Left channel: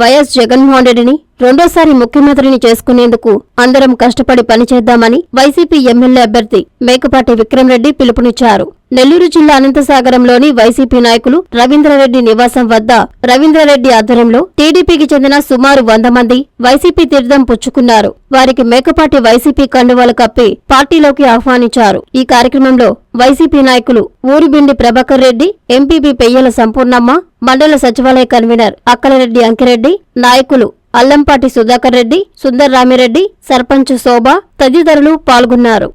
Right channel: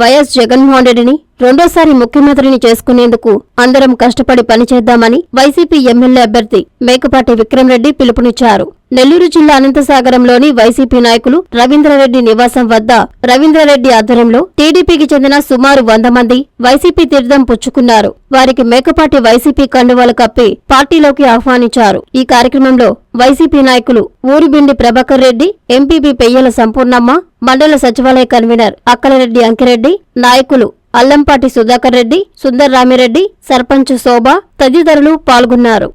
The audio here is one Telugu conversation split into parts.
వైఎస్ జగన్మోహన్ రెడ్డిని రెండోసారి ముఖ్యమంత్రిని చేసుకునేందుకు అందరం కష్టపడి పనిచేద్దామని వైసీపీ ఎమ్మెల్యే అభ్యర్థి మేకపాటి విక్రమరెడ్డి పిలుపునిచ్చారు. నెల్లూరు జిల్లా అనంతసాగరంలోని వైసీపీ నాయకులు రవీంద్రరెడ్డి నివాసం వద్ద రవీంద్రరెడ్డి ఆధ్వర్యంలో టీడీపీకి చెందిన సుమారు వంద మంది వైసీపీ తీర్థం పుచ్చుకున్నారు. వారికి మేకపాటి వైసీపీ కండువాలు కప్పి పార్టీలోకి ఆహ్వానించారు. ఈ కార్యక్రమంలో వైసీపీ నాయకులు ఊరిబిండి ప్రభాకర్ రెడ్డి ఎంపీపీ పెయ్యల సంపూర్ణమ్మ మండల సచివాలయ కన్వీనర్ అక్కలరెడ్డి అంకిరెడ్డి నాయకులు అల్లంపాటి సుధాకర్ రెడ్డి సుందర్ రామిరెడ్డి సర్పంచ్ శోభ తదితరులు పాల్గొన్నారు.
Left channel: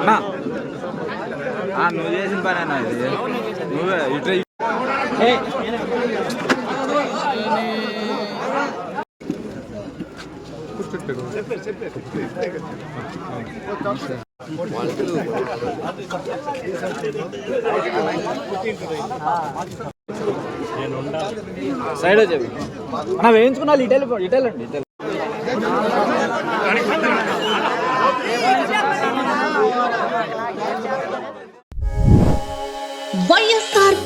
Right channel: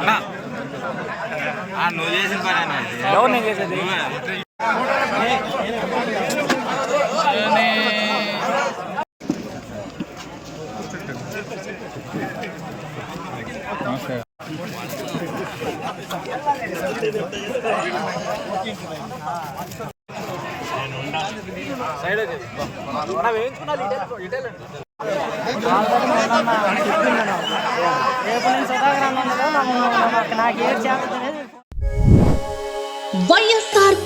అన్నా నువ్వు చేసిన పని అన్నా ఇది. నువ్వే సైడ్ చెప్పు అన్న వేయించుకున్నా ఇటెల్ ఇటెల్ అండి ఇటెల్ వైఎస్ఆర్